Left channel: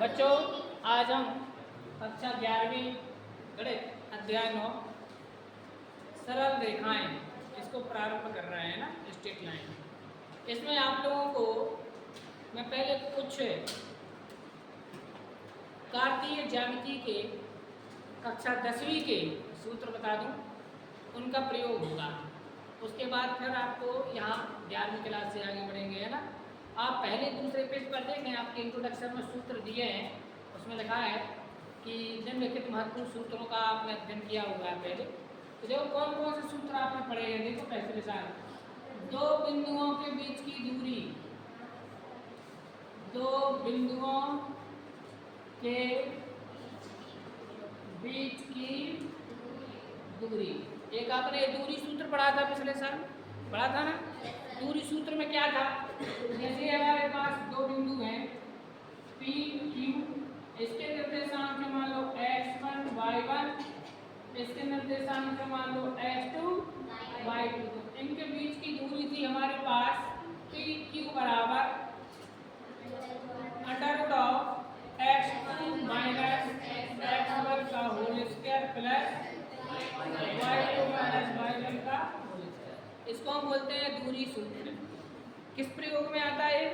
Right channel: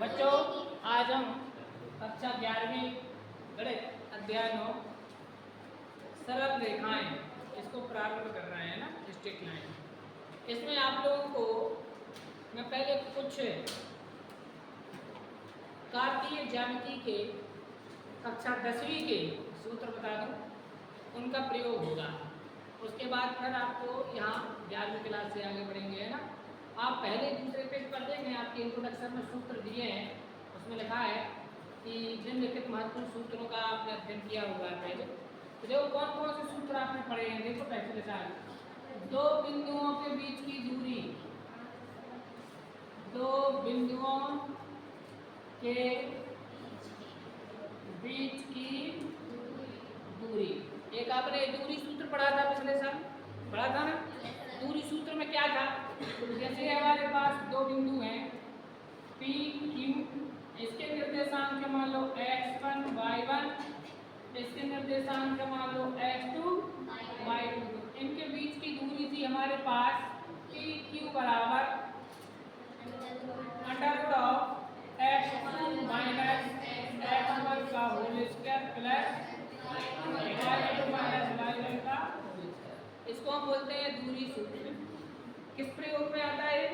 बच्चों आज हम कक्षा 11वीं गणित अध्याय 9 सरल रेखाएं इसको प्रारंभ कर रहे हैं ना, स्ट्रेट लाइन। इसमें आप लोगों को मैं पहले कुछ कार्तीय ज्यामिति के कक्षा 10वीं के सूत्र बता दूं, उनका प्रयोग होगा। उसके बाद फिर आपको यहाँ 11वीं क्लास से आगे बढ़ेंगे, है ना। आप पहले दूसरे पेज पर देखें, आपके इंट्रोडक्शन में सूत्र दिए हैं, उसमें लिखा है कि निम्नलिखित महत्वपूर्ण सूत्रों का आपने अध्ययन किया हुआ है पहले। तो देखो कौन कौन से सूत्र आपने पढ़े हैं। देखो पहले विचार, दो बिंदुओं के बीच की दूरी, दो बिंदुओं के बीच की दूरी। एक आपने दूरी सूत्र पढ़ा था पिछले साल, पढ़ा था ना। दूरी सूत्र में क्या था, जैसे हमारे पास दो बिंदु हैं P Q, इसके निर्देशांक मान लो x1 y1, इसके निर्देशांक मान लो x2 y2। तो इनके बीच की दूरी थी हमारे पास P Q बराबर √x2 माइनस x1 का whole square plus y2 minus y1 का होल स्क्वायर। इसको हम बोलते हैं दूरी सूत्र। किस प्रयोग में आता है?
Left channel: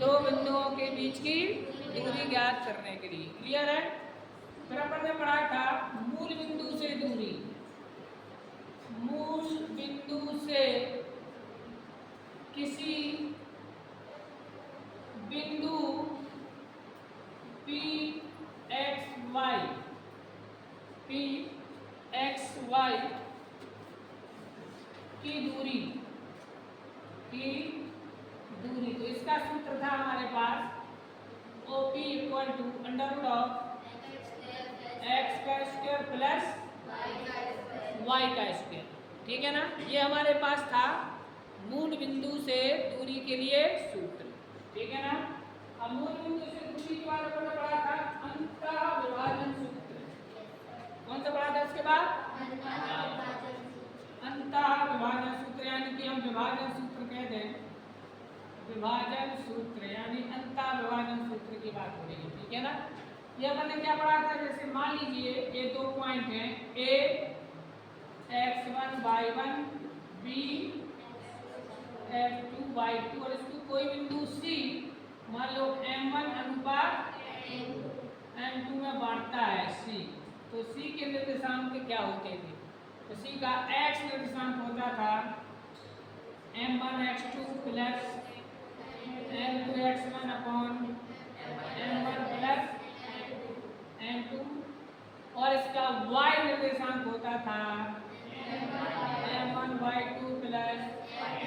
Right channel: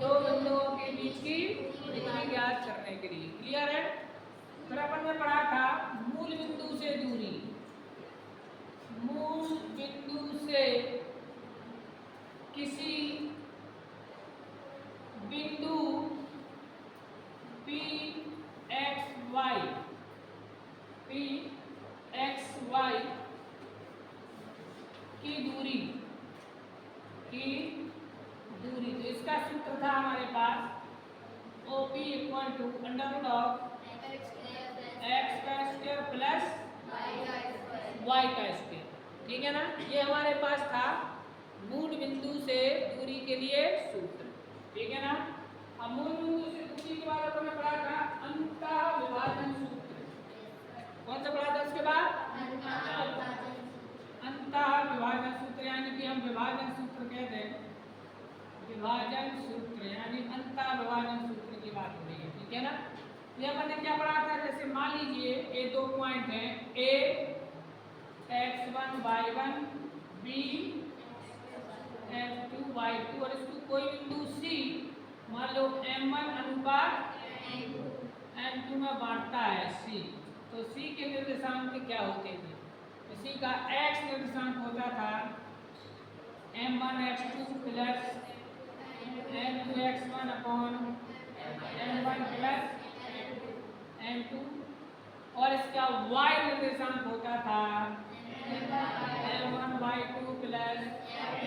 दो बिंदुओं के बीच की दूरी ज्ञात करने के लिए। क्लियर है? फिर अपन ने पढ़ा था मूल बिंदु से दूरी, मूल बिंदु से किसी बिंदु P x y की दूरी तो इसका सूत्र था हमारे पास OP इक्वल टू √x का स्क्वायर प्लस y का स्क्वायर। ठीक है ना। ये हमारे पास था मूल बिंदु से दूरी के लिए सूत्र। ठीक है ना। अब मूल बिंदु से दूरी के बाद हमने पढ़ा था अंतः विभाजन सूत्र। कौन सा पढ़ा था उसके बाद? अंतः विभाजन सूत्र, यानी कि हम विभाजन सूत्र कहते हैं। विभाजन सूत्र यानी अंतः विभाजन सूत्र की बात हो रही है। ठीक है ना। ये हमने क्या पढ़ा था, जैसे मान लीजिए ये दो पॉइंट हैं A x1 y1 B x2 y2 और इसको कोई बिंदु C मान लो m1 अनुपात m2 में बांटता है C। तो C के निर्देशांक क्या होते थे? तो C का x निर्देशांक होता था m1 x2 plus m2 x1 upon m1 plus m2, और इसका y निर्देशांक होता था m1 y2 plus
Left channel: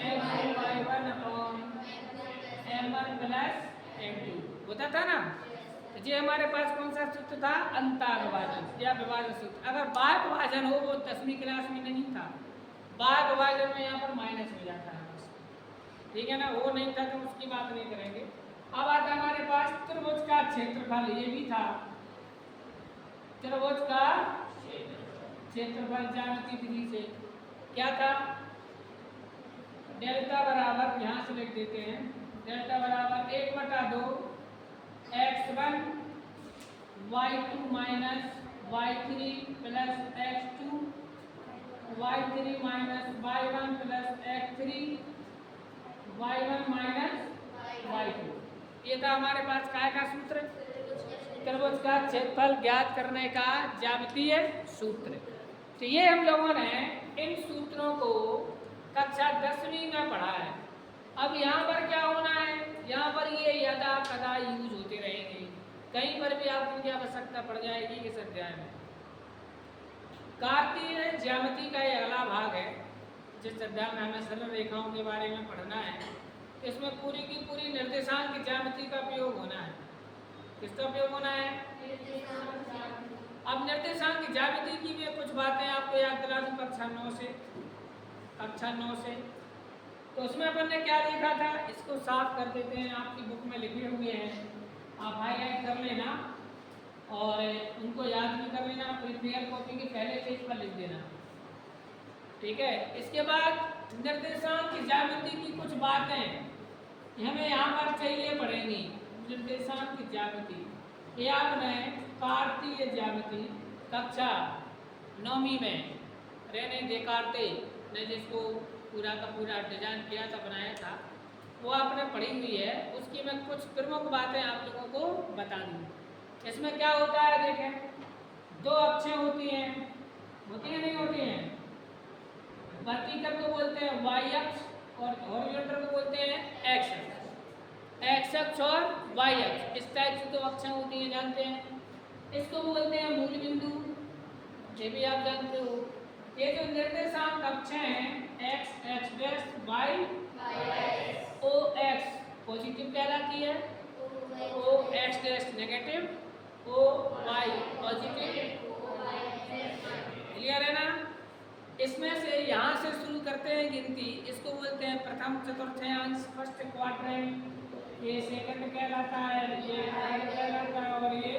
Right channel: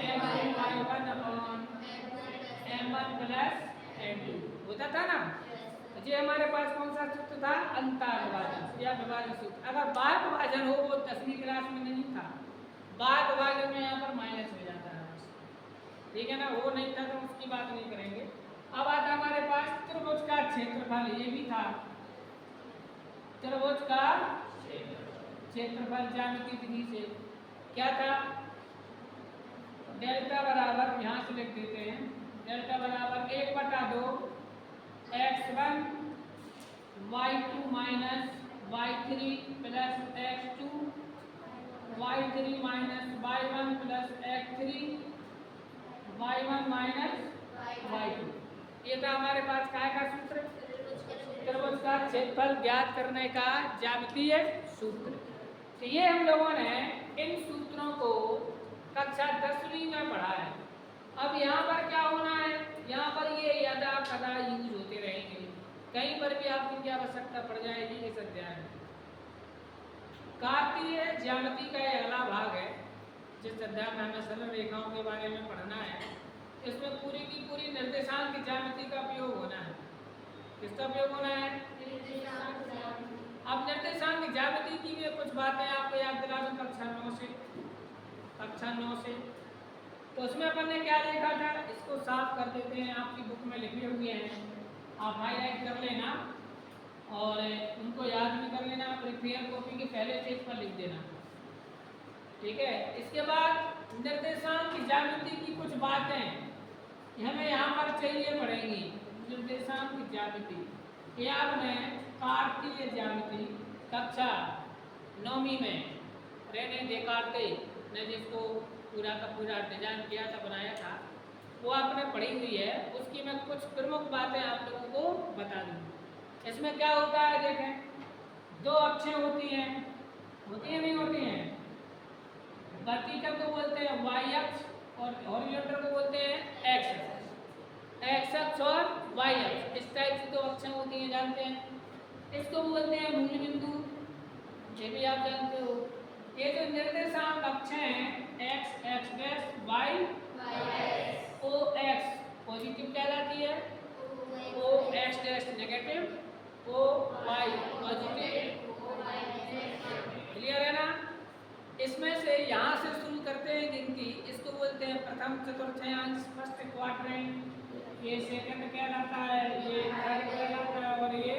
m2 y1 upon m1 plus m2 होता था ना। ये हमारे पास कौन सा सूत्र था? अंतः विभाजन या विभाजन सूत्र। अगर बाह्य विभाजन हो, वो 10वीं क्लास में नहीं था। बाह्य विभाजन में यहाँ पर माइनस हो जाता है। ठीक है ना, वो नहीं था तो उसकी बात नहीं करेंगे। अब आता हमारे पास त्रिभुज का क्षेत्रफल। ये भी था त्रिभुज का क्षेत्रफल ज्यामिति विधि से। क्या था? डेल्टा बराबर, यहाँ से लिख देते हैं, डेल्टा बराबर 1/2 x1 y2 minus y3 plus x2 y3 minus y1 plus x3 y1 minus y2। ये था हमारे पास काय का सूत्र? त्रिभुज का क्षेत्रफल ज्ञात करने का ज्यामितीय सूत्र। तो ये हम लोगों ने इन सूत्रों को कक्षा 10वीं में पढ़ा है। अब यहाँ पर क्या होना है, यहाँ पर ये यदा कदा यूज होते रहेंगे, कहीं पर भी आपको क्या आवश्यकता पड़ जाएगी इस अध्याय में। कार्तीय ज्यामिति का ये अगला भाग है जिस अध्याय में हमें सरल रेखाओं के बारे में पढ़ना है। इसमें पूरी की पूरी निर्देशांक ज्यामिति का प्रयोग होना है। किसका प्रयोग होना है? अब निर्देशांक ज्यामिति की भी कुछ बातें आपको याद दिला दूं कक्षा 9 से। तो उसमें अपन ने क्या देखा था, इसको साफ कर देते हैं। आपकी बुक में लिखे हुए हैं, आप हाईलाइट कर लेना और उनको याद भी कर लेना। प्रिपेयर कॉपी के पहले पेज पर लिख देना। ठीक है। इसके बाद निर्देशांक ज्यामिति की कुछ बातें हमें यहाँ पर चाहिए पड़ेंगी। निर्देशांक ज्यामिति ये आपने कार्तीय ज्यामिति कक्षा 9वीं में रेने देकार्ते ने जिसको पूरा का पूरा डिजाइन किया था, बनाया था, वो आपने पढ़ी हुई है। उसकी मैं कुछ प्रमुख बातें आप लोगों को बता दूँ। इसमें क्या होता है देखें, दो अक्षें होती हैं नहीं होती हैं? वर्टिकल को बोलते हैं वाई अक्ष और हॉरिजॉन्टल को बोलते हैं एक्स अक्ष। एक्स अक्ष और वाई अक्ष, इस टाइप से दो अक्षें होती हैं, जानते हैं। इसको बोलते हैं मूल बिंदु, ये भी आप जानते हो। ये जो निर्देशांक अक्षें हैं X X dash Y O X positive कहलाती है, O X dash negative, O Y positive. Clear है ना? इसमें से यहाँ से शुरू करते हैं गिनती। इसको बोलते हैं प्रथम चतुर्थांश, फर्स्ट क्वाड्रेंट। ये सेकंड कहलाता है, ये थर्ड कहलाता है और ये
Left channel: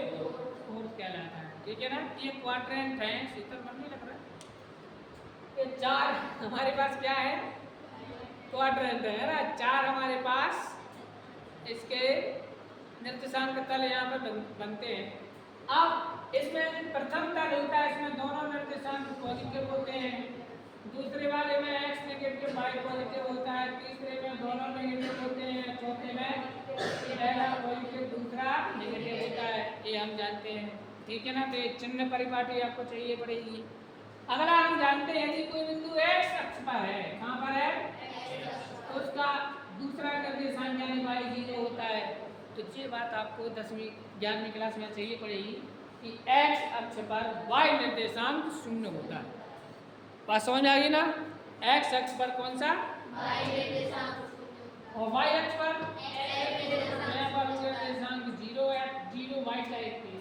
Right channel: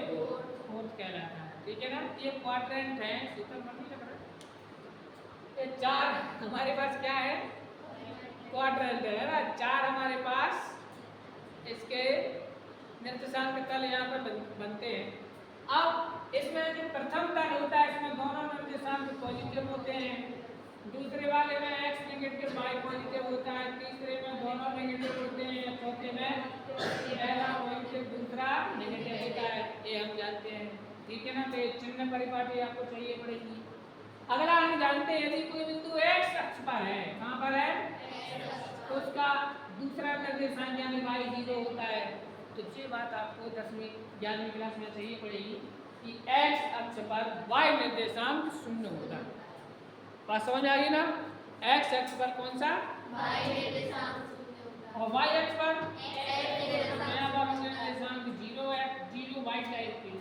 फोर्थ कहलाता है। ठीक है ना? ये क्वाड्रेंट है, सूत्र में नहीं लग रहा। ये चार हमारे पास क्या है? क्वाड्रेंट है ना, चार हमारे पास इसके निर्देशांक तल यहाँ पे बनते हैं। अब इसमें प्रथम तल होता है, इसमें दोनों निर्देशांक पॉजिटिव होते हैं। दूसरे वाले में एक्स नेगेटिव वाई पॉजिटिव होता है। तीसरे में दोनों नेगेटिव होते हैं। चौथे में पहला पॉजिटिव दूसरा नेगेटिव होता है, ये हम जानते हैं। ठीक है ना? तो ये चिन्ह परिपाटी आपको चाहिए पड़ेगी। अगला हम जानते हैं यदि कोई बिंदु एक्स अक्ष पर है, कहाँ पर है? तो उसका दूसरा निर्देशांक यानी वाई 0 होता है। तो ये बात आपको 10वीं 11वीं क्लास में चाहिए पड़ेगी कि एक्स अक्ष पर वाई निर्देशांक 0 होता है। बात समझ आ गई ना? एक्स अक्ष पर कौन सा? वाई निर्देशांक। और वाई अक्ष पर निर्देशांक 0 वाई टाइप की।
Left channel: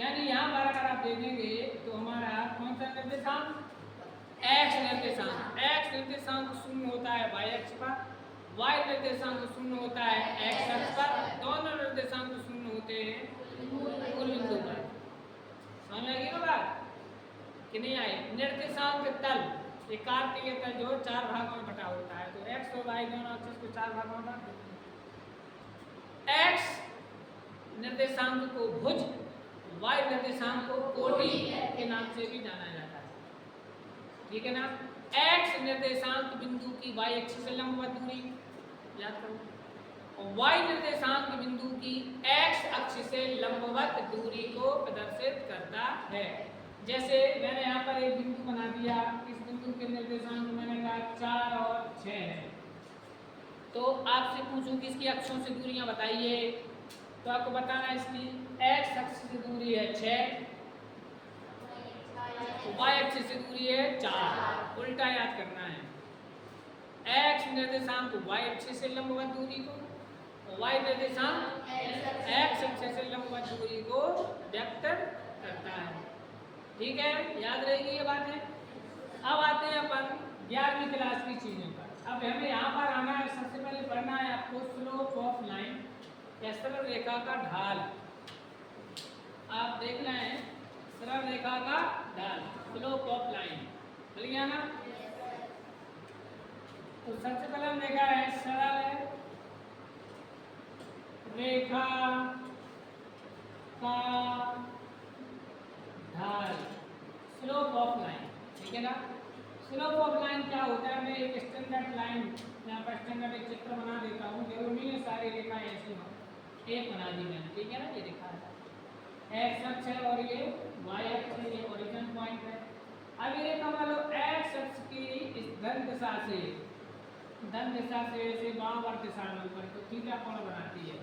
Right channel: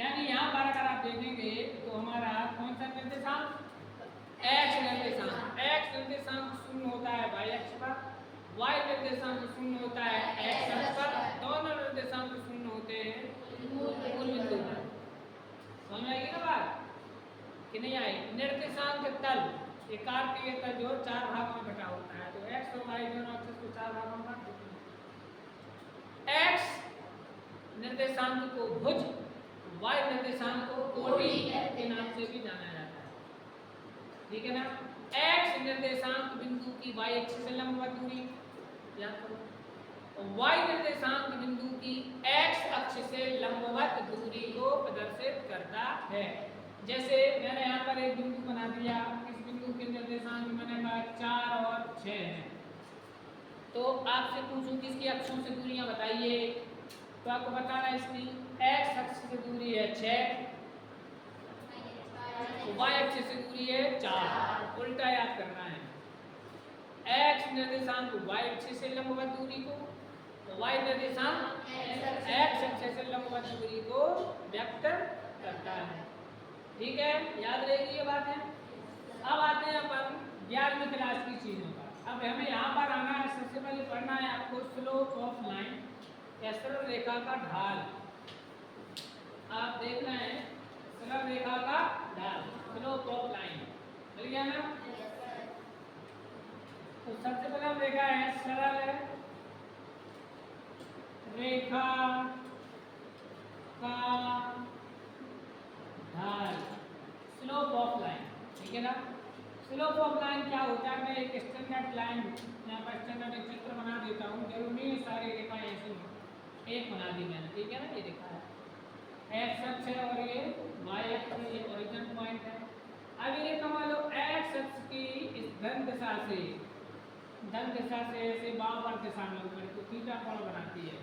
यानी यहाँ पर अगर आप देखेंगे तो हमारा कौन सा निर्देशांक? एक्स निर्देशांक। एक्स निर्देशांक 0 होता है वाई अक्ष पर, वाई निर्देशांक 0 होता है एक्स अक्ष पर। दोनों निर्देशांक 0 होते हैं मूल बिंदु पर। समझ आएगी ना बात कि नहीं आई? निर्देशांक तल, ये कार्तीय तल जो 4 भागों में बटा होता है, तो एक्स और वाई दोनों अक्ष को 4 भागों में बांट देते हैं। एक्स निर्देशांक को भुज, वाई निर्देशांक को कोटि के नाम से भी जाना जाता है। ठीक है ना? एक्स निर्देशांक बिंदु की वाई अक्ष से लंबवत दूरी याद करो, और वाई निर्देशांक बिंदु की एक्स अक्ष से लंबवत दूरी को प्रदर्शित करता है। जैसे मैंने यहाँ पर एक बिंदु बना दिया, इस बिंदु के निर्देशांक मैंने कहा 4 और 6 है। तो आपसे पूछूं कि इसकी अक्षों से दूरियां बताइए, तो आपको बताना इसकी एक्स अक्ष से दूरी है 6, वाई अक्ष से दूरी है 4। उल्टा याद करना है। एक्स निर्देशांक वाई अक्ष से लंबवत दूरी को, वाई निर्देशांक एक्स अक्ष से लंबवत दूरी को व्यक्त करता है। ठीक है? याद रहेगी ये बात है। अब आते हैं अपन 11वीं क्लास की चीजों पर। अब हमें यहाँ पर आना है, सबसे पहले पढ़ना है आपको स्लोप ऑफ लाइन या सरल रेखा का ढाल। आप देख रहे हैं सरल रेखा का ढाल, स्लोप ऑफ लाइन, चल गया ना? तो सबसे पहले हम देखा है सरल रेखा का ढाल, स्लोप ऑफ लाइन। ठीक है ना? स्लोप ऑफ लाइन क्या होता है? मैं एक स्टैंडर्ड लाइन यहाँ पर स्टैंडर्ड एक चित्र बना देता हूँ, जरूर नहीं है सारी रेखाएं ऐसी हो, एक बना दी मैंने। ठीक है ना? ये रेखा है, एक्स अक्ष है और ये वाई अक्ष है, ये ओरिजिन पॉइंट है। अब ये रेखा मान लो एक्स अक्ष की इस धन दिशा से ऐसे वामावर्त दिशा में ऊपर तो थीटा कोण बनाती है।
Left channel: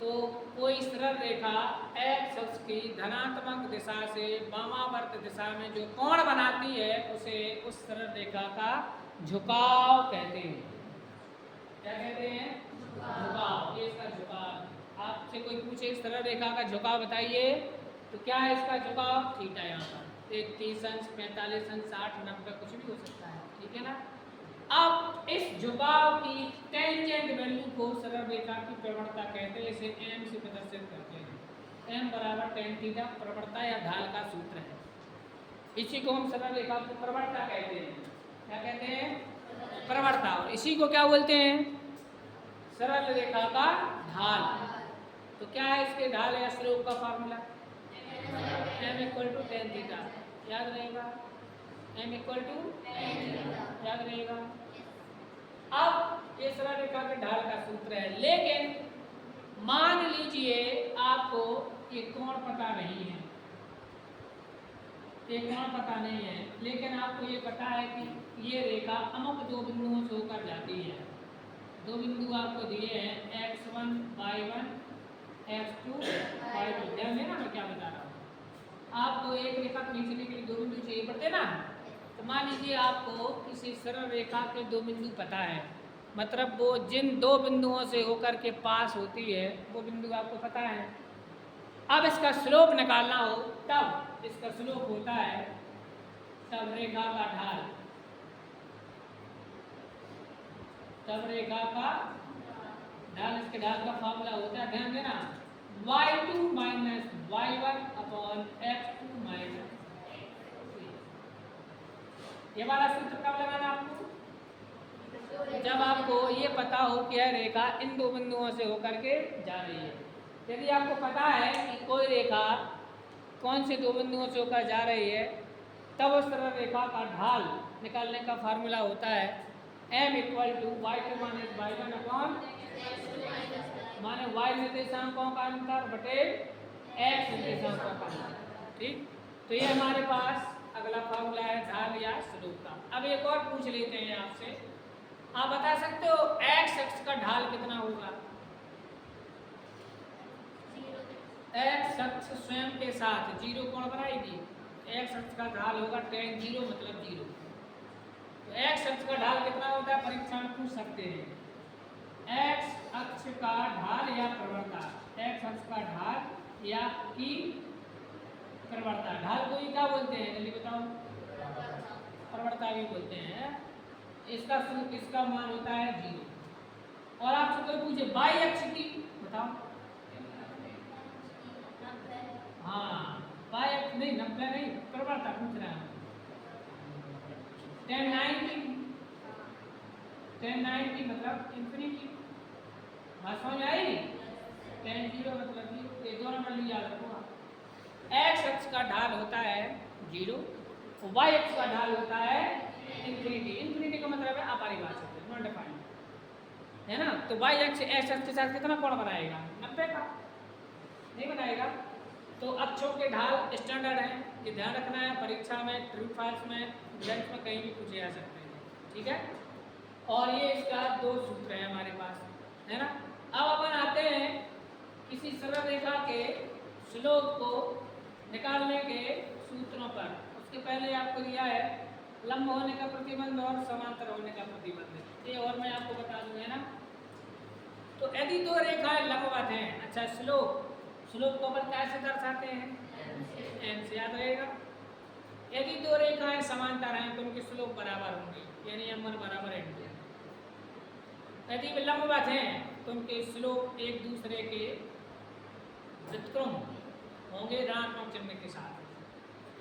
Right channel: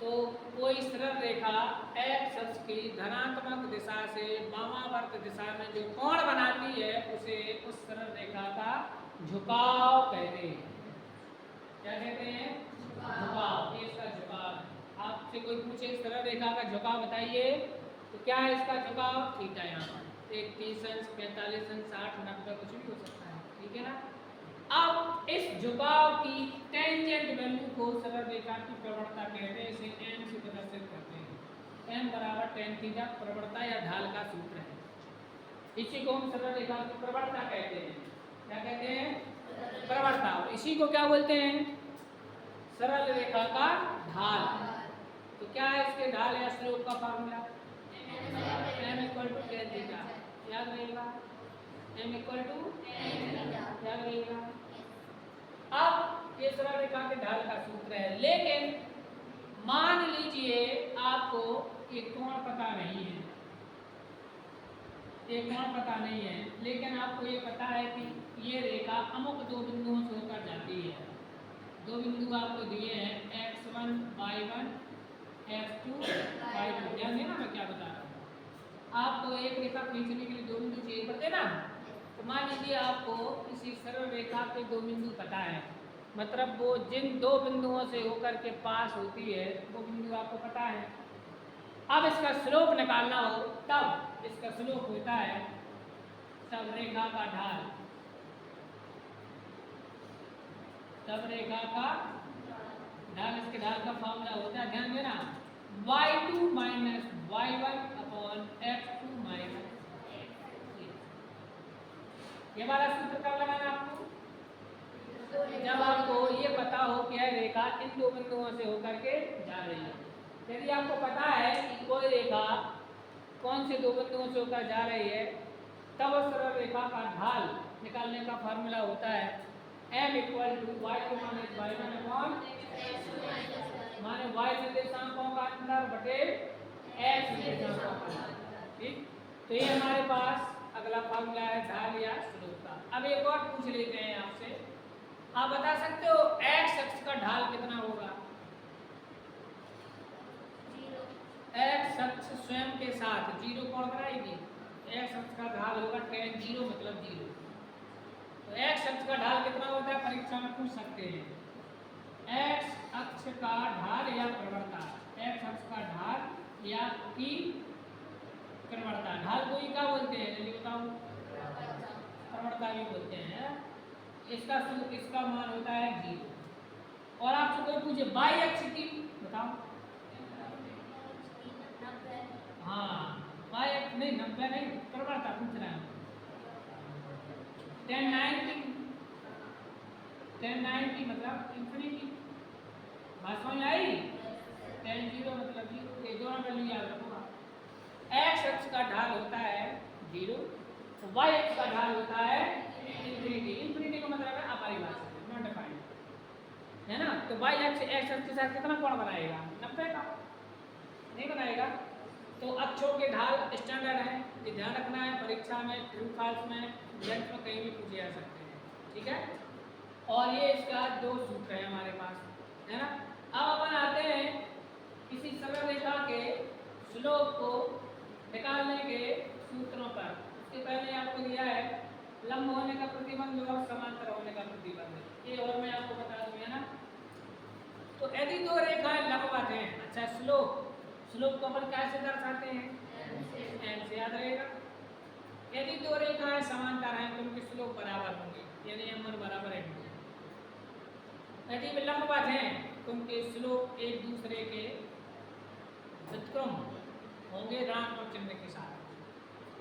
तो कोई सरल रेखा एक्स अक्ष की धनात्मक दिशा से वामावर्त दिशा में जो कोण बनाती है उसे उस सरल रेखा का झुकाव कहते हैं। क्या कहते हैं? झुकाव। ये इसका झुकाव। आपसे कोई पूछे सरल रेखा का झुकाव बताइए, तो क्या है इसका झुकाव? थीटा। यहाँ पर 30 अंश, 45 अंश, 60, 90 कुछ भी हो सकता है। ठीक है ना? अब इस झुकाव की टेंजेंट वैल्यू को सरल रेखा की प्रवणता कहते हैं, इसे m से प्रदर्शित करते हैं। m बराबर tan थीटा प्रवणता या ढाल का सूत्र है। इसी को हम सरल रेखा की प्रवणता कहते हैं। क्या कहते हैं? प्रवणता। और इसी को क्या बोलते हैं? सरल रेखा का ढाल। तो क्या है इसके ढाल या स्लोप का formula? m equal to tan theta. याद रहेगा? m इक्वल टू याद रहेगा। अब ये सरल रेखा के ढाल का सूत्र है, लेकिन मान लीजिए आपको ये कोण पता नहीं है, ये कोण पता नहीं है, लेकिन आपको ये पता है कि ये रेखा अमुक दो बिंदुओं से होकर जाती है। दो बिंदु आपको दिए हैं x1 y1 x2 y2। ध्यान देना मैं क्या बता रहा हूँ। आपको एक रेखा खींचने के लिए दो बिंदु चाहिए पड़ते ना। तो मान लीजिए आपको किसी सरल रेखा के दो बिंदु पता है, मतलब वो जिन दो बिंदुओं से होकर के पास होती है वो बिंदु आपको पता है। अब इसका स्लोप निकालना हो तब इसका स्लोप होता है तब रेखा का ढाल, तब रेखा का ढाल, इसके ढाल का फॉर्मूला होता है, ध्यान देना, y2 minus y1 upon x2 minus x3। ये वाला सूत्र कब लगाना आपको? जब आपको ये पता हो कि यह रेखा इन दो बिंदुओं से होकर के जा रही है। यदि आपको पता है कि कोई रेखा कौन से दो बिंदुओं से होकर जा रही है, तब उस सरल रेखा का ढाल निकालने का फार्मूला होता है m equal to y2 minus y1 upon माने y निर्देशांकों का अंतर बटे x निर्देशांकों का अंतर। ठीक, तो ये हमारे पास अगला फार्मूला है ढाल या स्लोप का। अब एक और पूछ लेते हैं आपसे, आप बता सकते हो x अक्ष का ढाल कितना होगा? x अक्ष स्वयं के साथ जीरो कोण बनाएगी, x अक्ष का ढाल होगा tan 0 मतलब 0। तो x अक्ष का ढाल कितना होता है परीक्षा में पूछ सकते हैं। x अक्ष का ढाल या प्रवणता, x अक्ष का ढाल या की प्रवणता, ढाल को ही क्या बोलते हैं जल्दी बताओ? प्रवणता भी बोलते हैं। इसका मान होता है 0। और आपसे कोई पूछे y अक्ष की, बताओ? हाँ, y अक्ष नहीं, 90 नहीं, प्रवणता पूछ रहा है। tan 90 मतलब इंफिनिटी। बात समझ आई? tan 0 मतलब 0। ये दोनों वैल्यू याद रखो। x अक्ष का ढाल होता है 0, y अक्ष का ढाल होता है इंफिनिटी। इंफिनिटी का मतलब है अपरिभाषित, नॉट डिफाइंड, है ना। तो y अक्ष x अक्ष के साथ कितना कोण बनाएगा? 90 का नहीं बनाएगा। तो अक्षों के ढाल स्टैंडर्ड है, ये ध्यान रखना है, परीक्षा में, ट्रू फॉल्स में, लंच में कहीं भी पूछे जा सकते हैं। ठीक है, और ये इसका दो सूत्र है हमारे पास, है ना। अब अपन आते हैं किसी सरल रेखा के स्लोप को निकालने के सूत्रों पर। उसके पहले आपको दिया है लंब होने का प्रतिबंध और समांतर होने का प्रतिबंध, ये और मैं आपको बता दूं, है ना। तो यदि दो रेखाएं लंबवत हैं, अच्छा स्लोप को अपन कैसे दर्शाते हैं? m से, याद रहेगा। यदि दो रेखाएं समांतर हैं तो उनके स्लोप बराबर होंगे, यानी m1 बराबर m2। यदि लंबवत हैं तो उनके स्लोप एक दूसरे के व्युत्क्रम होंगे ऋणात्मक चिन्ह के साथ,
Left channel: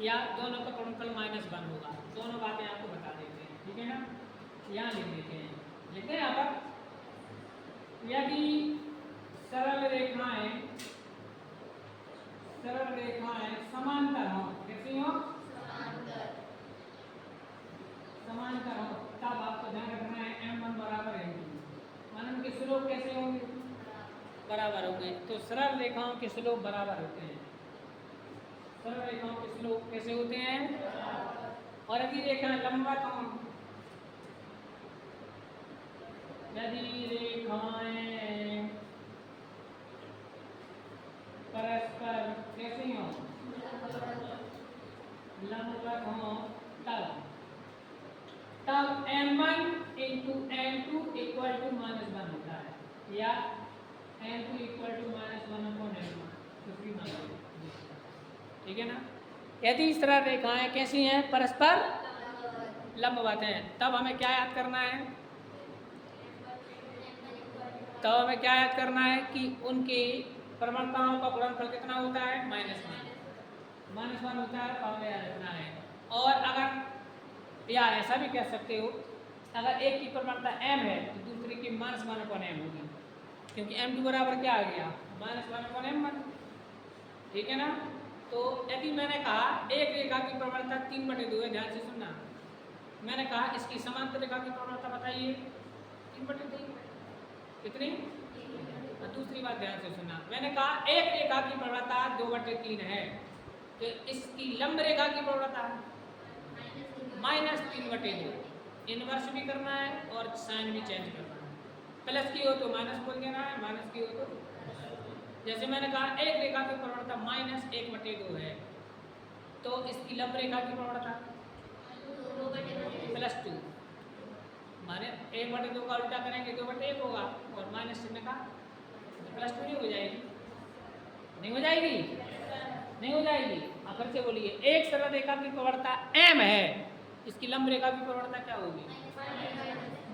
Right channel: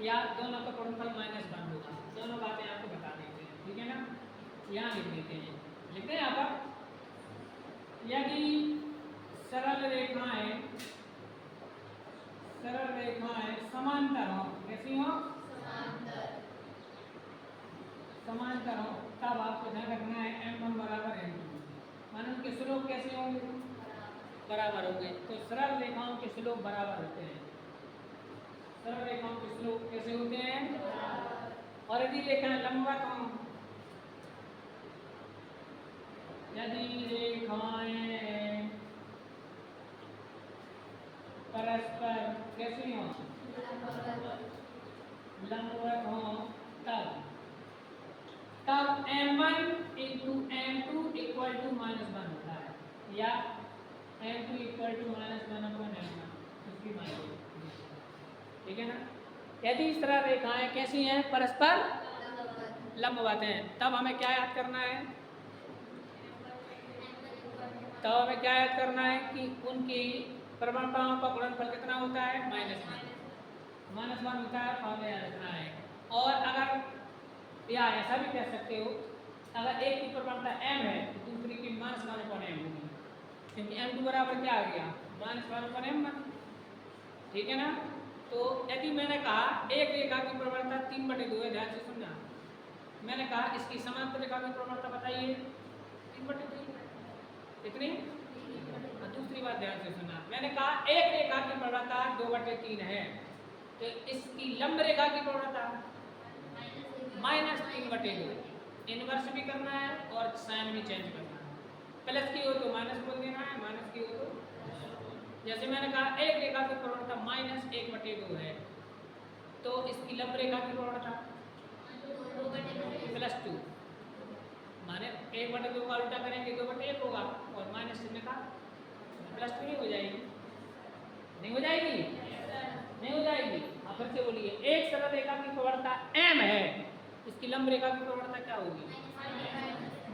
या दोनों का गुणनफल -1 होगा। दोनों बातें आपको बता देते हैं, ठीक है ना। यहाँ लिख देते हैं, लिखते हैं यहाँ पर, यदि सरल रेखाएं समांतर हो, कैसी हो? समांतर हो, तब आपको ध्यान रखना है m1 बराबर m2, माने उनके स्लोप कैसे होंगे? बराबर होंगे। तो सरल रेखाओं के स्लोप बराबर होते हैं। सरल रेखाओं के स्लोप कैसे होते हैं? और यदि रेखाएं लंबवत हों, यदि रेखाएं परस्पर कैसी हों? लंबवत हों, तब m1 into m2 equal to -1 होता है, या m2 equal to -1 upon m1, कुछ भी मान लो, ठीक है ना। यदि इस तरह रेखाएं कैसी हैं? परस्पर लंबवत हैं, तब हमें क्या याद करना है? तब हमें क्या याद करना है कि उनकी प्रवणताओं का गुणनफल कितना होता है? -1 होता है, और याद रखना है। और अगर, या ऐसा भी कह सकते हो, अगर एक की प्रवणता m है तो दूसरी की -1 अपॉन m होगी, क्योंकि m2 बराबर क्या आ गया -1/m1, ठीक है ना। तो यदि मैंने कहा एक रेखा की प्रवणता 3/2 है, ध्यान से सुनना, मैंने कहा इसकी समांतर रेखा की प्रवणता बताइए 3/2 कितनी। और दूसरी बात ध्यान से सुनना, मैंने कहा एक रेखा की प्रवणता 2/3 है, तो इसकी लंब रेखा की प्रवणता -3/2। इनवर्स भी करना है और साइन भी चेंज करना है, प्लस की हो तो माइनस बोल देना है, माइनस की हो तो, जैसे मैंने कहा एक रेखा की प्रवणता -1/2 है, तो इसकी लंब रेखा की प्रवणता +2, माने 1/2 का उल्टा करेंगे 2/1 होगा, और माइनस चिन्ह का +2 नहीं हो जाएगी, नहीं हो जाएगी, नहीं हो जाएगी। अब फिर से बोलिए, एक सरल रेखा की प्रवणता m है, इसकी लंब रेखा की प्रवणता क्या होगी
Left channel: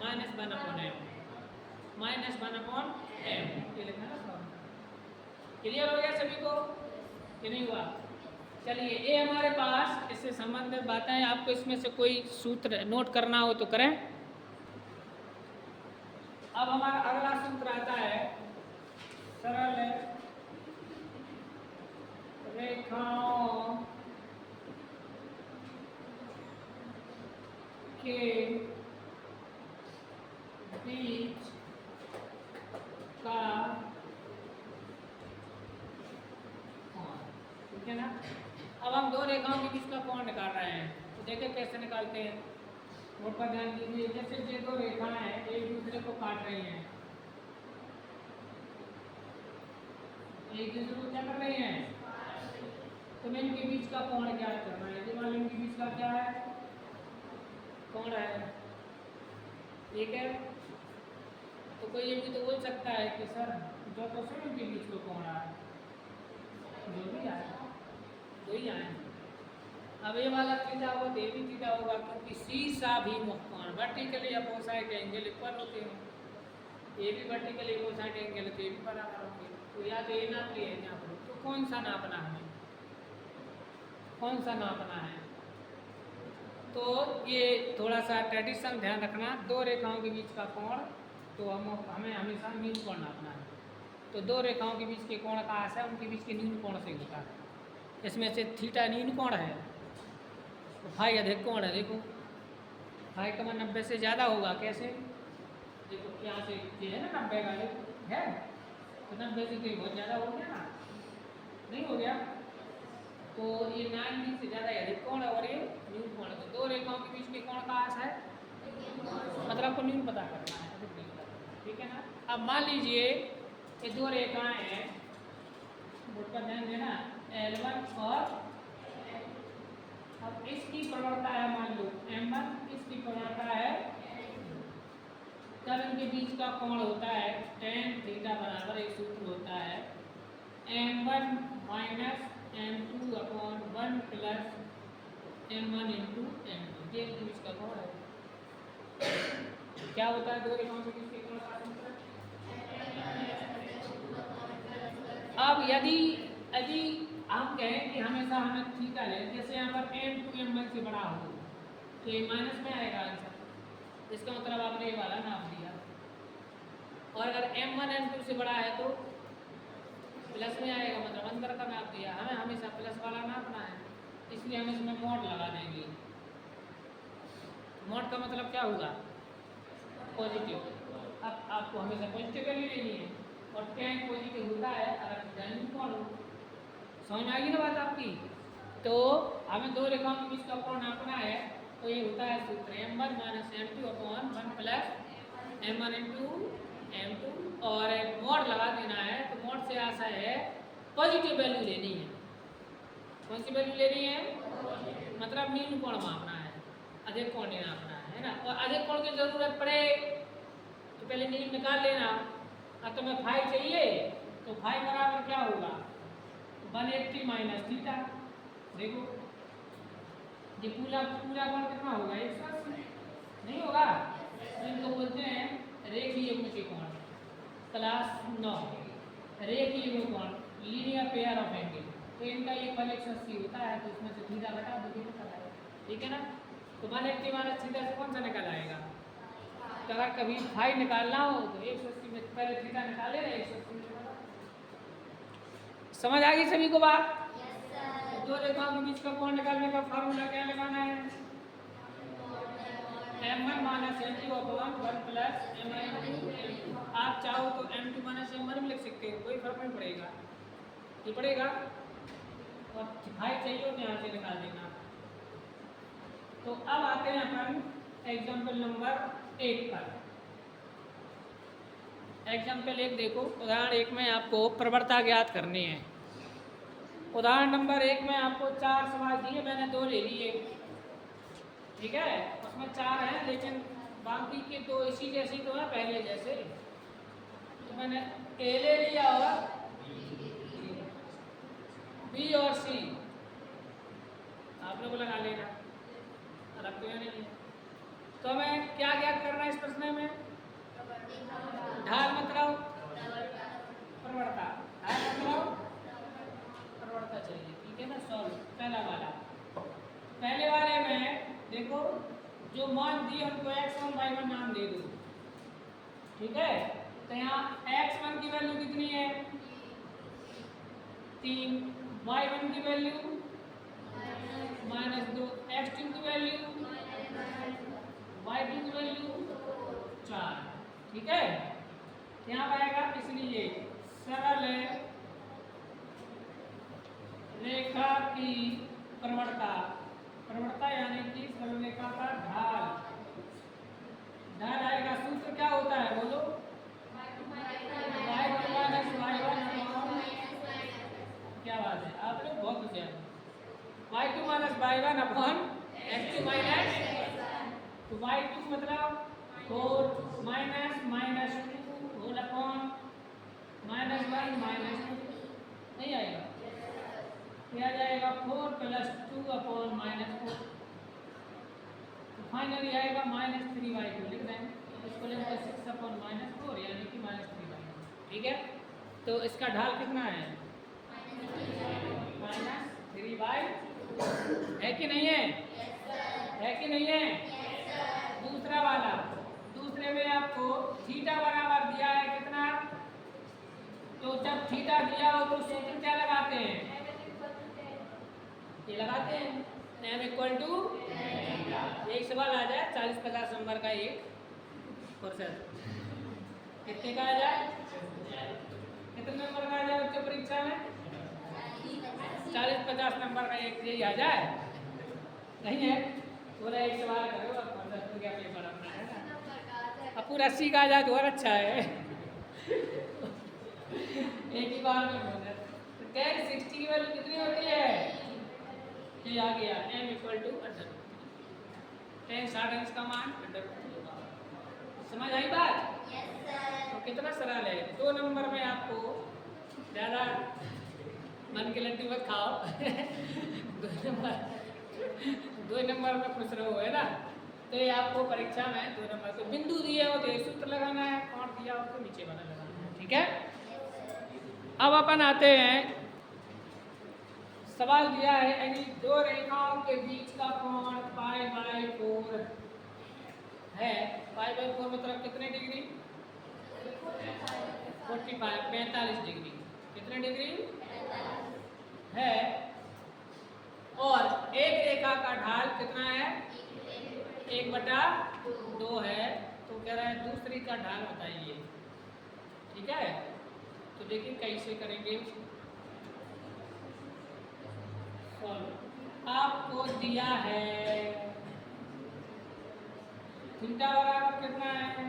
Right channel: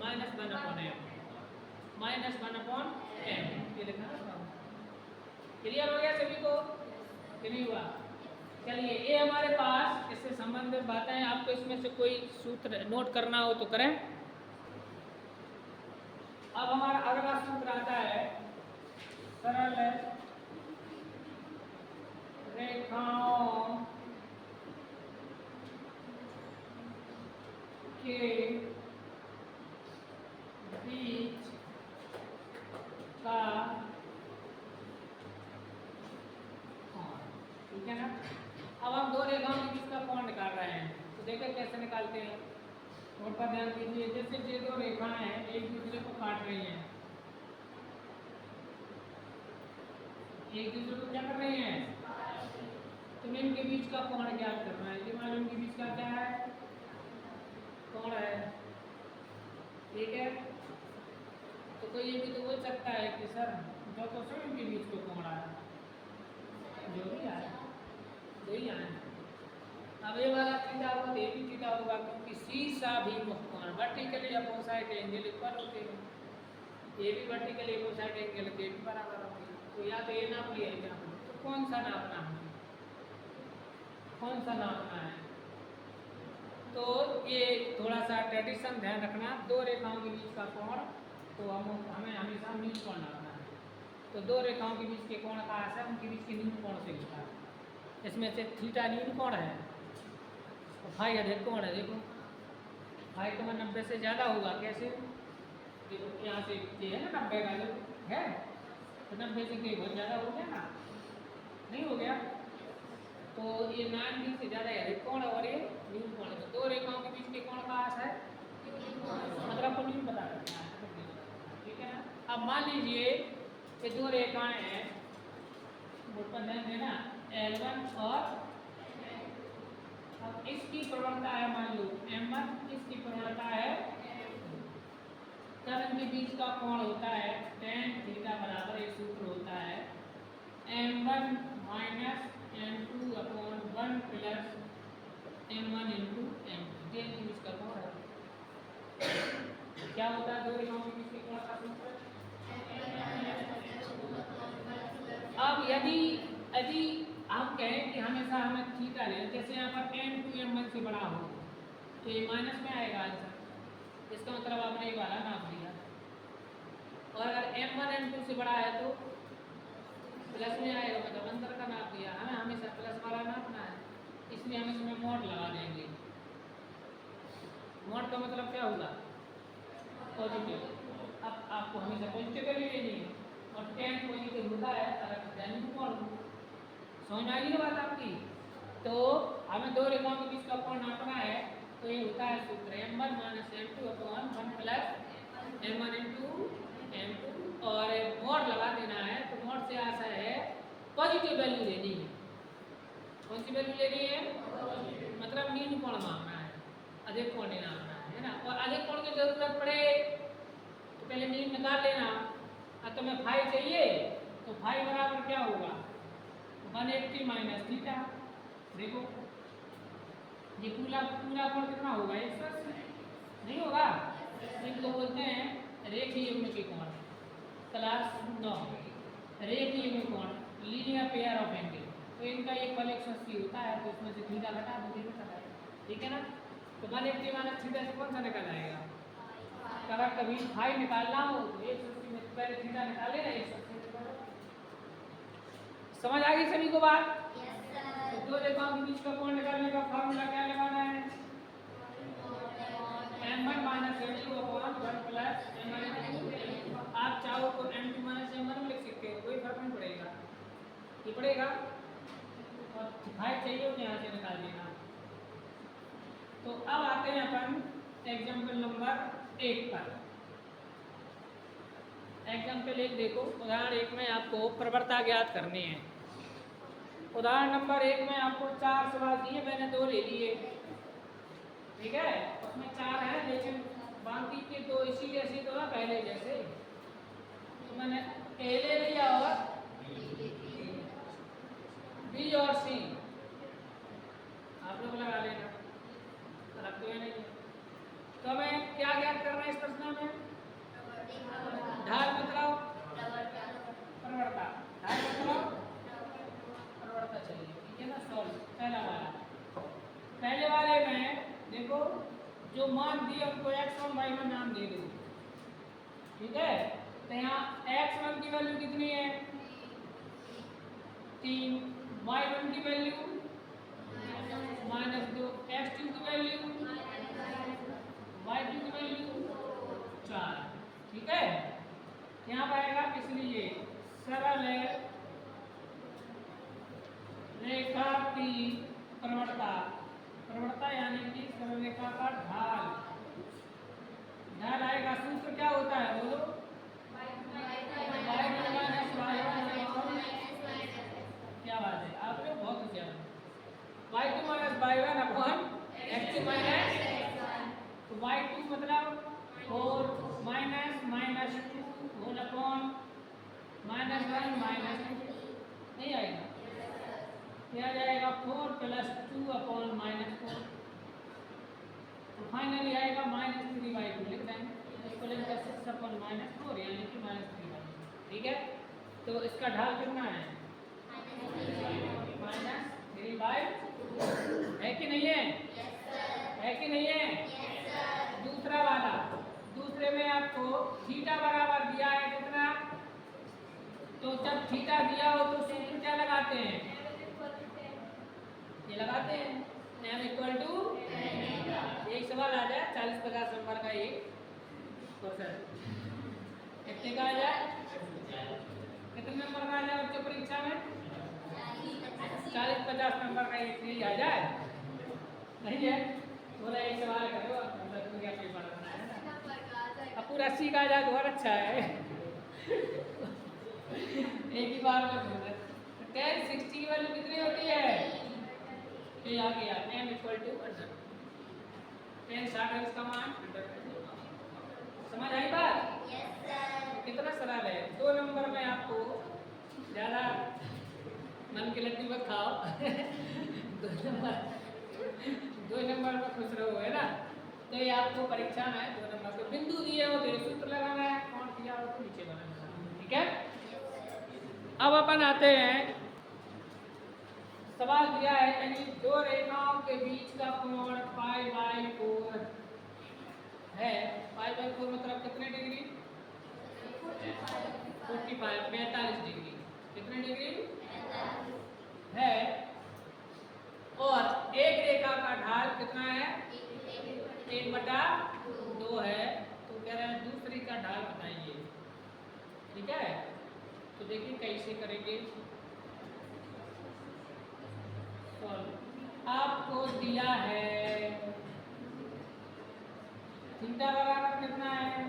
-1/m, -1/m, ये लिखना है। क्लियर हो गया सभी को कि नहीं हुआ? चलिए, ये हमारे पास इससे संबंधित बातें हैं, आपको इसमें से कोई सूत्र नोट करना हो तो करें। अब हमारा अगला सूत्र आता है सरल रेखाओं के बीच का कोण, ठीक है ना। अब हम दो रेखाओं के बीच का कोण निकाल रहे हैं, तो देखिए कैसे निकालते हैं, नोट पर ध्यान दीजिए। जैसे ये दो रेखाएं हैं, एक दूसरे को काट रही हैं, एक दूसरे को क्या कर रही हैं, तो मैं इनके बीच का कोण ज्ञात करना है। ये मान इनके बीच का क्या है, कोण है, ठीक है। तो कोई ये भी तो बोल सकता है कि सर जो तो से इनके बीच को कोण आया, जो भी आए दो ही आए। अब ये वाला थीटा होगा तो ये भी थीटा होगा, क्योंकि सीसा भी कोण वर्टिकली अपोजिट एंगल इक्वल होते हैं, ये भी वर्टिकली अपोजिट एंगल तो ये भी बराबर होंगे। तो या तो ये नाप लिया है, तो कौन सा नापना है, कौन सा नापना है, तो ये थोड़ा सा ट्रेडिशन ध्यान रखना, दो रेखाओं के बीच का कोण, तो हमें हमेशा न्यून कोण नापना है। तो दो रेखाओं के बीच के कोण कहाँ से, उनके बीच के न्यून कोण से होता है। इसमें से थीटा न्यून कोण है, तो फाई अधिक कोण है। देखो फाई का 90 से ज़्यादा होगा, कैसे, देखो यहाँ से ये है ना 90 का, ये है तो 90 से कोई बहुत ज़्यादा हो गया ना, नहीं हो गया, तो ये 90 से ज़्यादा अधिक कोण और ये न्यून कोण है। तो दो रेखाओं के बीच के कोण कहाँ से है, मतलब को न्यून पता करना है, ठीक है ना। अब मान लीजिए ये दो रेखाएं हैं, बोर्ड पर ध्यान देना, L1 और अब इसकी प्रवणता है मान लो M1, इसकी प्रवणता है, तब इनके बीच का कोण होता है tan थीटा बराबर एक सूत्र होता है M1 minus M2 upon 1 plus M1 into M2, ये इनके बीच का कोण है। क्या होता है दो रेखाओं के बीच के कोण का सूत्र। अब यदि यदि हम कहें कि हमेशा हमें थीटा ले, जैसे यहाँ पर M2 M1 से बड़ा हो तो ये माइनस में आएगा आंसर, इसका मतलब आपने ये वाला नाप दिया, और अगर M1 M2 से बड़ा है तो प्लस में आएगा, मतलब अंदर का नाप दिया। हमें हमेशा प्लस वाला नापना है, इसलिए हम इसमें मोड लगा देंगे। मोड का मतलब क्या होगा, पॉजिटिव। अब आपको हमेशा पॉजिटिव वैल्यू लेनी है, और tan पॉजिटिव होता है अगर जैन कोण हो। समझ में आ गई ना बात आपकी। तो हमें दो रेखाओं के बीच का कोण नापना है, तो ये होता है सूत्र M1 minus M2 upon 1 plus M1 into M2, और मोड लगा देना है। तो मोड से आशा है पॉजिटिव वैल्यू लेनी है। कौन सी वैल्यू लेनी है, मतलब न्यून कोण मापना है, अधिक कोण नहीं नापना है ना। और अधिक कोण की जरूरत पड़े तो पहले न्यून निकाल लेना। और तुम्हें फाई चाहिए तो फाई बराबर क्या होगा, 180 माइनस थीटा। देखो ये पूरा पूरा कोण कितना होगा, 180 नहीं होगा, इनको बोलते हैं रेखीय युग्म के कोण। क्लास 9 रेखीय युग्म कोण, लीनियर पेयर ऑफ एंगल। तो इनका ये फल 180 होता है, तो इसमें से थीटा घटा दो, देखो कट आएगा, ठीक है ना। तो 180 माइनस थीटा से कौन सा निकल आएगा, अगर कभी फाई निकालना हो तो 180 में पहले थीटा निकाले ना 180 वाला। समझ आ गई सभी को बात? तो दो रेखाओं के बीच का कोण निकालने का फार्मूला क्या लगाना है? m1 minus m2 upon 1 plus m1। आप चाहो तो m2 माइनस m1 लिख सकते हो, कोई फर्क नहीं पड़ेगा, ये पड़ेगा। और हाइट चाहिए तो यहाँ से निकाल देना। तो अब आते हैं अपन एग्जाम्पल नंबर 1 पर। एग्जाम्पल 1 देखो, उदाहरण 1 में आपको प्रवणता ज्ञात करनी है। उदाहरण नंबर 1 में आपको 4 सवाल दिए, मैंने 2 ले लिए, ठीक है। उसमें 4 हैं लेकिन बाकी के 2 इसी जैसी तो है पहले जैसे, तो मैंने ए ले लिया और बी और सी आप लोग लगा लेना, रखते हुए नहीं। तो हमें क्या ज्ञात करना है इस प्रश्न में? ढाल मतलब प्रवणता, ढाल मतलब प्रवणता। चलिए ठीक है ना, सॉल्व। पहला वाला, पहले वाले में देखो जो मान दिए उनको x1 y1 नाम दे दो, ठीक है। तो यहाँ x1 की वैल्यू कितनी है? 3, y1 की वैल्यू -2, x2 की वैल्यू, y2 की वैल्यू 4, ठीक है। यहाँ पर आएगा, इसलिए सरल रेखा की प्रवणता, प्रवणता यानी कि सरल रेखा का ढाल, ढाल आएगा। सूत्र क्या होता है बोलो? क्या बात है, आप लोग बहुत होशियार हो। y2 minus y1 upon x2 minus, तो y2 मतलब 4 माइनस -2 होल अपॉन -1 -2 नहीं आएगा, क्या जाएगा 4 + 2 अपॉन -4, तो फाइनली आएगा -3/2। लिख देंगे इसको, लेकर 6 अपॉन -4 यानी कि -3/2, ठीक है। तो इसका ढाल कितना है? -3/2 है कि नहीं है? है कि नहीं है? दूसरा वाला, दूसरे में आपको थीटा बराबर दिया है कितना? तो जब थीटा दिया हो तो सूत्र क्या लगाते हैं? ये लगाते हैं m = एक सवाल आ जाए 40-50 नंबर का, ये क्वेश्चन कितने का आ जाए? कितने नंबर का आ जाए बच्चों परीक्षा में? 40-50 नंबर का एक यही आ जाए, नहीं है? पूरा एक सवाल करो, अब पूरा 80 का आ जाए तो और अच्छा है। एक ही बार में बोल रहे। 10 60 की वैल्यू कितनी होती है? ये आ गया m = 10 60 है इसका मान √2। समझ आई बात? तो कितना सरल है। 2 नंबर में आपको ज़्यादा मन के लड्डू मत खाओ। 2 नंबर में खुश रहो, है ना। तो ये आपको परीक्षा में 2 नंबर को बिंदु दिए हो तो सूत्र लगाना है, और दिया हो तो नीचे वाला लगाना है, ठीक है। अब अपन आते हैं, सवाल दिया है यानी 2 रेखाओं के बीच का कोण π/4 है। π/4 मतलब कितने डिग्री? 45 डिग्री। कितने डिग्री है? और एक रेखा का ढाल कितना है? 1/2 है। तो कह रहा है दूसरी का ढाल बताइए, ठीक है। तो देखिए कैसे करेंगे। आपको दिया है थीटा बराबर कितना है?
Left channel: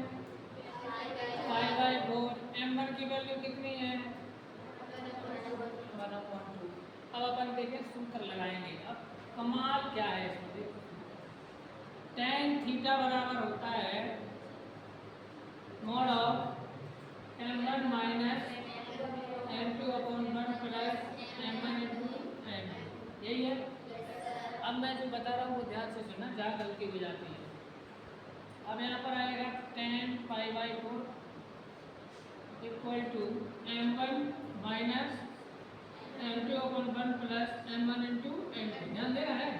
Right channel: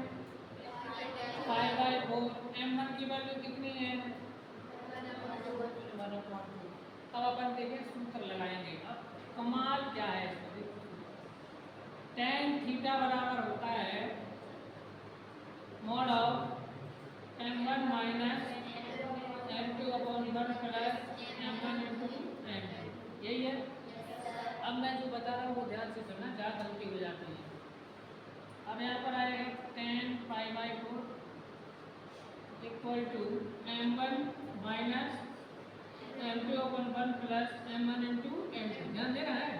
π/4। m1 की वैल्यू कितनी है? 1/2। अब अपन देखें सूत्र लगाएंगे। अब कमाल क्या है इसमें, tan थीटा बराबर होता है mod of m1 minus m2 upon 1 plus m1 into m, यही है। अब मैं जो बता रहा हूँ वो ध्यान से सुनना, जहाँ गलती हो जाती है। अब यहाँ पर आएगा tan π/4 = m1 minus m2 upon 1 plus m1 into m2, ध्यान देना है।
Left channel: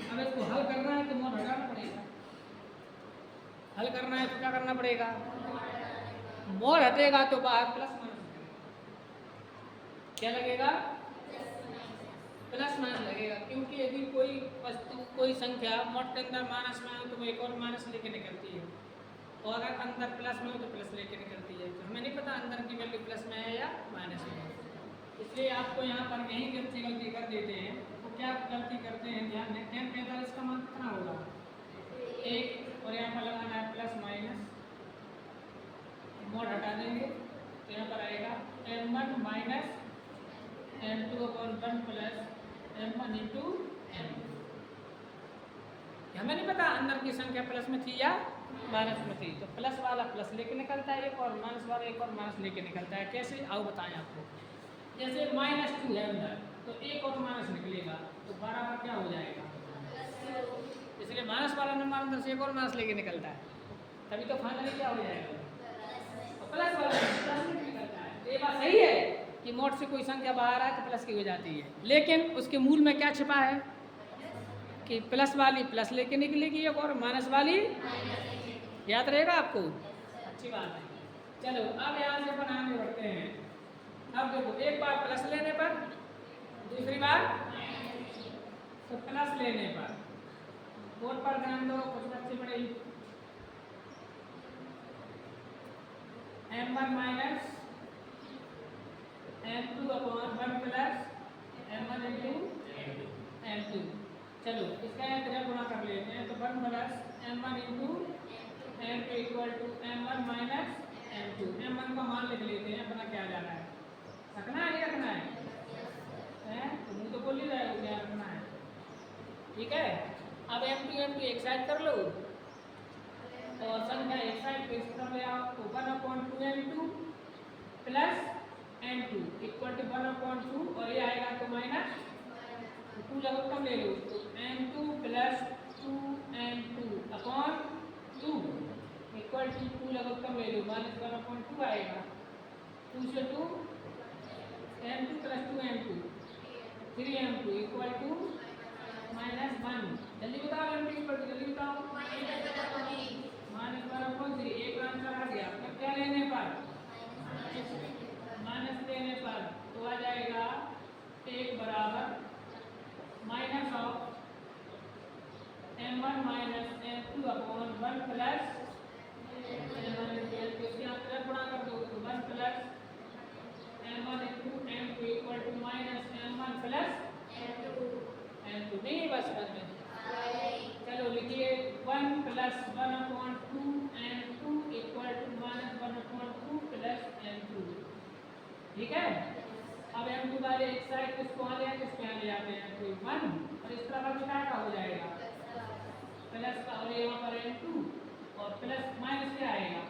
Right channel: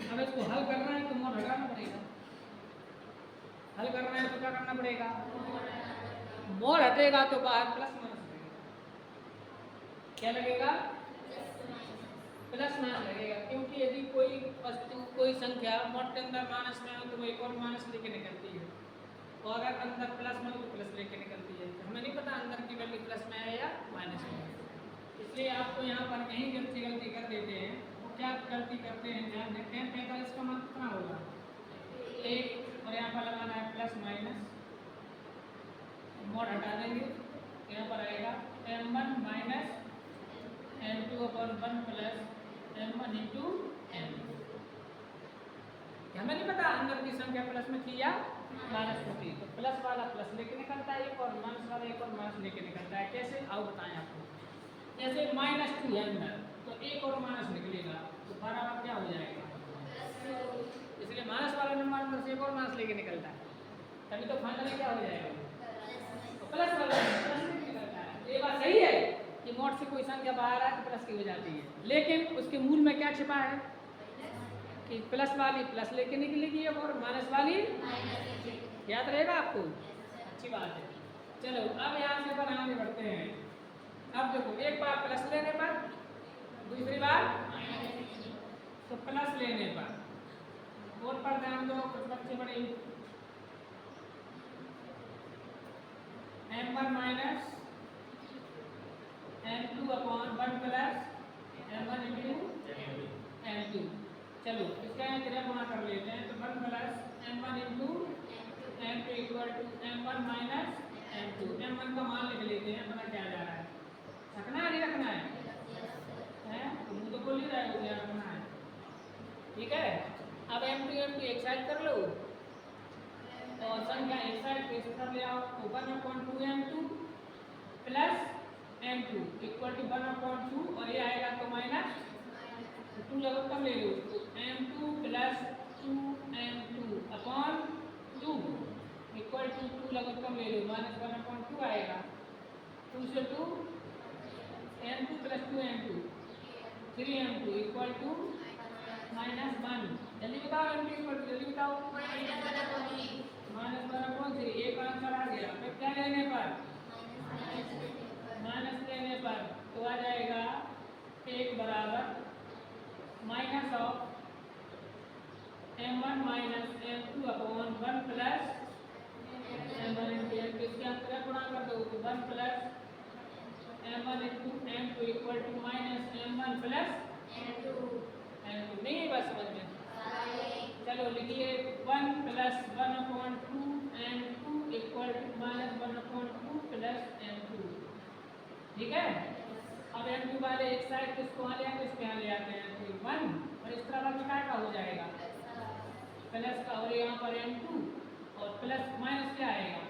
अब इसको हल करना है तो मोड हटाना पड़ेगा, हल करना है तो क्या करना पड़ेगा? मोर हटेगा तो बाहर प्लस माइनस लगेगा। क्या लगेगा? प्लस माइनस लगेगा, क्योंकि यदि कोई वस्तु कोई संख्या मोड के अंदर माइनस में हो तो वो एक और माइनस लेके निकलती है, और अगर अंदर प्लस में हो तो प्लस लेके निकलती है। तो हमें नहीं पता अंदर की वैल्यू प्लस में है या माइनस में है, इसलिए आपको यहाँ पर नहीं गलती कर देते हैं। तो क्या गलती करते हैं, ध्यान दें, tan 45 का मान कितना होगा? 1, और यहाँ पर लगाना है प्लस माइनस, मोड हटा देंगे तो यहाँ पर आएगा m1 minus m2/1 plus m1 into m2। हमें नहीं पता अंदर की संख्या प्लस में थी या माइनस में थी, तो प्लस वाला प्लस लेके निकलता है एक, और माइनस वाला एक और माइनस लेके निकलता है। कैसे आओ बताएं आपको। जैसे -2 है अंदर, तो एक और माइनस निकलेगा तो बराबर क्या हो जाएगा? इसलिए माइनस वाला नंबर अंदर से एक और माइनस लेके निकलता है, तभी तो फाइनली क्या हो जाएगा? तो प्लस वाला प्लस में निकलता है। तो ये बात सही है कि मोड से कोई संख्या बाहर आए तो प्लस की हो जाती है, लेकिन उसके मूल में क्या छिपा है कि प्लस वाली प्लस लेके निकलेगी और माइनस वाली, याद रहेगा आपको? अच्छी बात है। चलो अब यहाँ से अपन आगे बढ़ते हैं। अब देखो, एक बार प्लस लेने पर, दूसरी बार तो प्लस लेने पर बोर्ड पर ध्यान दो, कुछ बच्चे बड़े m1 minus m2/1 plus m1 into m2। चलो इसका एक तरह गुणा कर लेते हैं, तो 1 plus m1 into m2 equal to m1 minus m2। m1 का मान लिख लेते हैं, अपना क्या जा रहा है, रखना है नहीं रखना है? तो मुँह तो बोल ही रहा है, क्या रखना है, ठीक है। अब m2 एक साइड कर लो, और संख्या एक साइड पे इस तरफ ले आओ, तो 1/2 m2 plus m2 equal to 1/2, और ये आएगा तो माइनस 2 लघुत्तम ले लो, तो m2 plus 2m2/2 equal to 2 लघुत्तम ले लो, -1/2 आएगा। 2 से 2 m2 plus 2m2 3m2 equal to -1। जल्दी बताओ m2 इक्वल टू, जल्दी बताओ। -1/3, एक आंसर आ गया। फिर क्या लेने पर? माइनस लेने पर तो आ जाएगा 1 बराबर minus of m1 minus m2/1 plus m1 into m2। इसके अंदर गुणा कर दो तो 1 plus m1 into m2 equal to minus m1 plus m2। नहीं बस समझ में? चलो लिखिए 1 plus 1/2 m2 equal to -1/2 plus m2, ठीक है। अब m2 वाले एक साइड किसको यहाँ ले आते हैं, इसको यहाँ ले आते हैं, तो 1, और इस तरफ कितना का हो जाएगा प्लस का, और यहाँ पर m2 और प्लस माइनस क्या आएगा?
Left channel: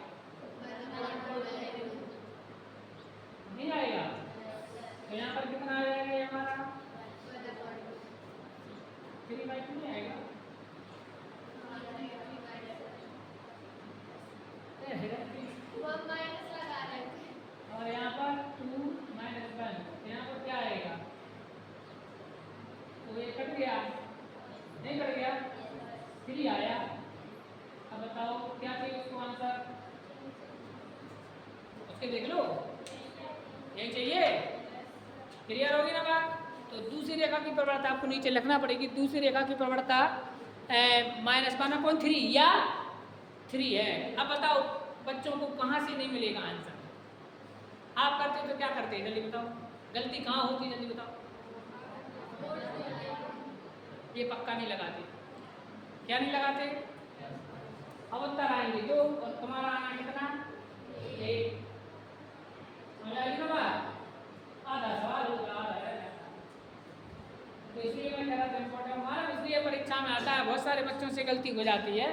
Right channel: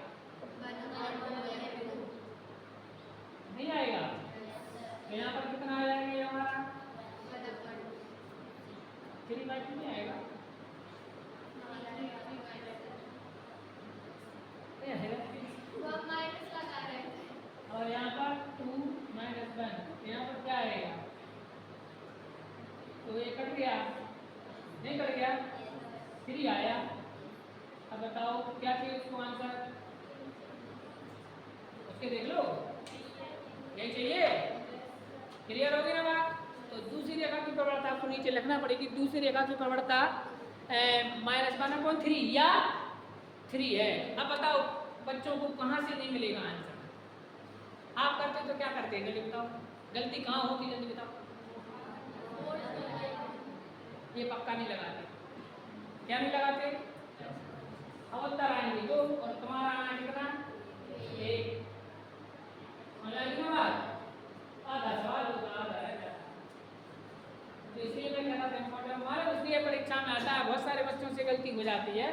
नहीं आएगा, तो यहाँ पर कितना आ जाएगा ये हमारा 3/2 नहीं आएगा, और यहाँ पर 2 - 1, यहाँ पर क्या आएगा? तो ये कट गया, नहीं कट गया, 3 आया। अब बताओ क्या चाहिए इसको आंसर, इसके देख लो, यही चाहिए। क्लियर होगी ना बात? तो दूसरी रेखा की प्रवणता आपको नीचे लिखना पड़ेगी। दूसरी रेखा की प्रवणता -1/3 या 3 है। अब बताओ बच्चों को कहाँ से नहीं मिलेगा आंसर? आप करते हो तो क्या करते हैं, जल्दी बताओ, गलती कहाँ होती, जल्दी बताओ। ये पक्का नहीं लगाते, क्या नहीं लगाते? अब उत्तर आएंगे 2, और तुम्हारा आना कितना? 1। आधा सवाल होगा, आधा रह जाता। तो इसलिए मैं कह रहा था इम्पोर्टेंट हमारा, इसलिए परीक्षा में आता है, बहुत सारे बच्चों से गलती हो जाती है,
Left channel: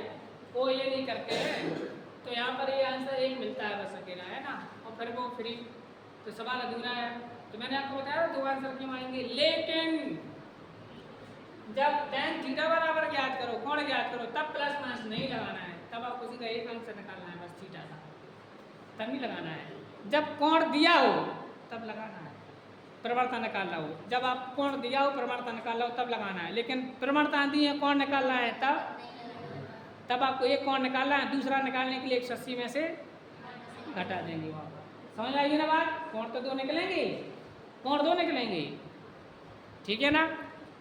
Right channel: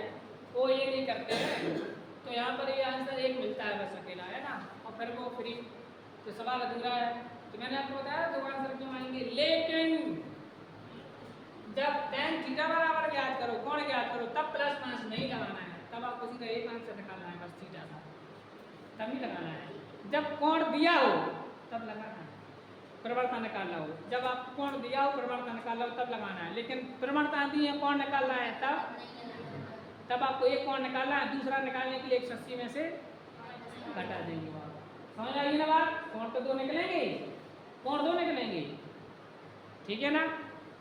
वो ये नहीं करते हैं। तो यहाँ पर ये आंसर 1 मिलता है बस अकेला, है ना, और फिर वो फ्री, तो सवाल अधूरा है। तो मैंने आपको बताया 2 आंसर क्यों आएंगे, लेकिन जब tan थीटा बराबर ज्ञात करो, कोण ज्ञात करो, तब प्लस माइनस नहीं लगाना है, तब आपको सीधा एक आंसर निकालना है, बस थीटा का तभी लगाना है। जब कोण दिया हो तब लगाना है, प्रवणता निकालना हो। जब आप कोण दिया हो, प्रवणता निकालना हो, तब लगाना है। लेकिन प्रवणता दी है, कोण निकालना है, तब आपको एक कोण निकालना है, दूसरा निकालने के लिए 180 में से घटा देंगे। और समझ आएगी ना बात? कोण तो 2 निकलेंगे, कोण 2 निकलेंगे, ठीक है ना।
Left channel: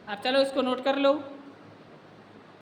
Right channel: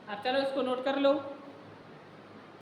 अब चलो इसको नोट कर लो।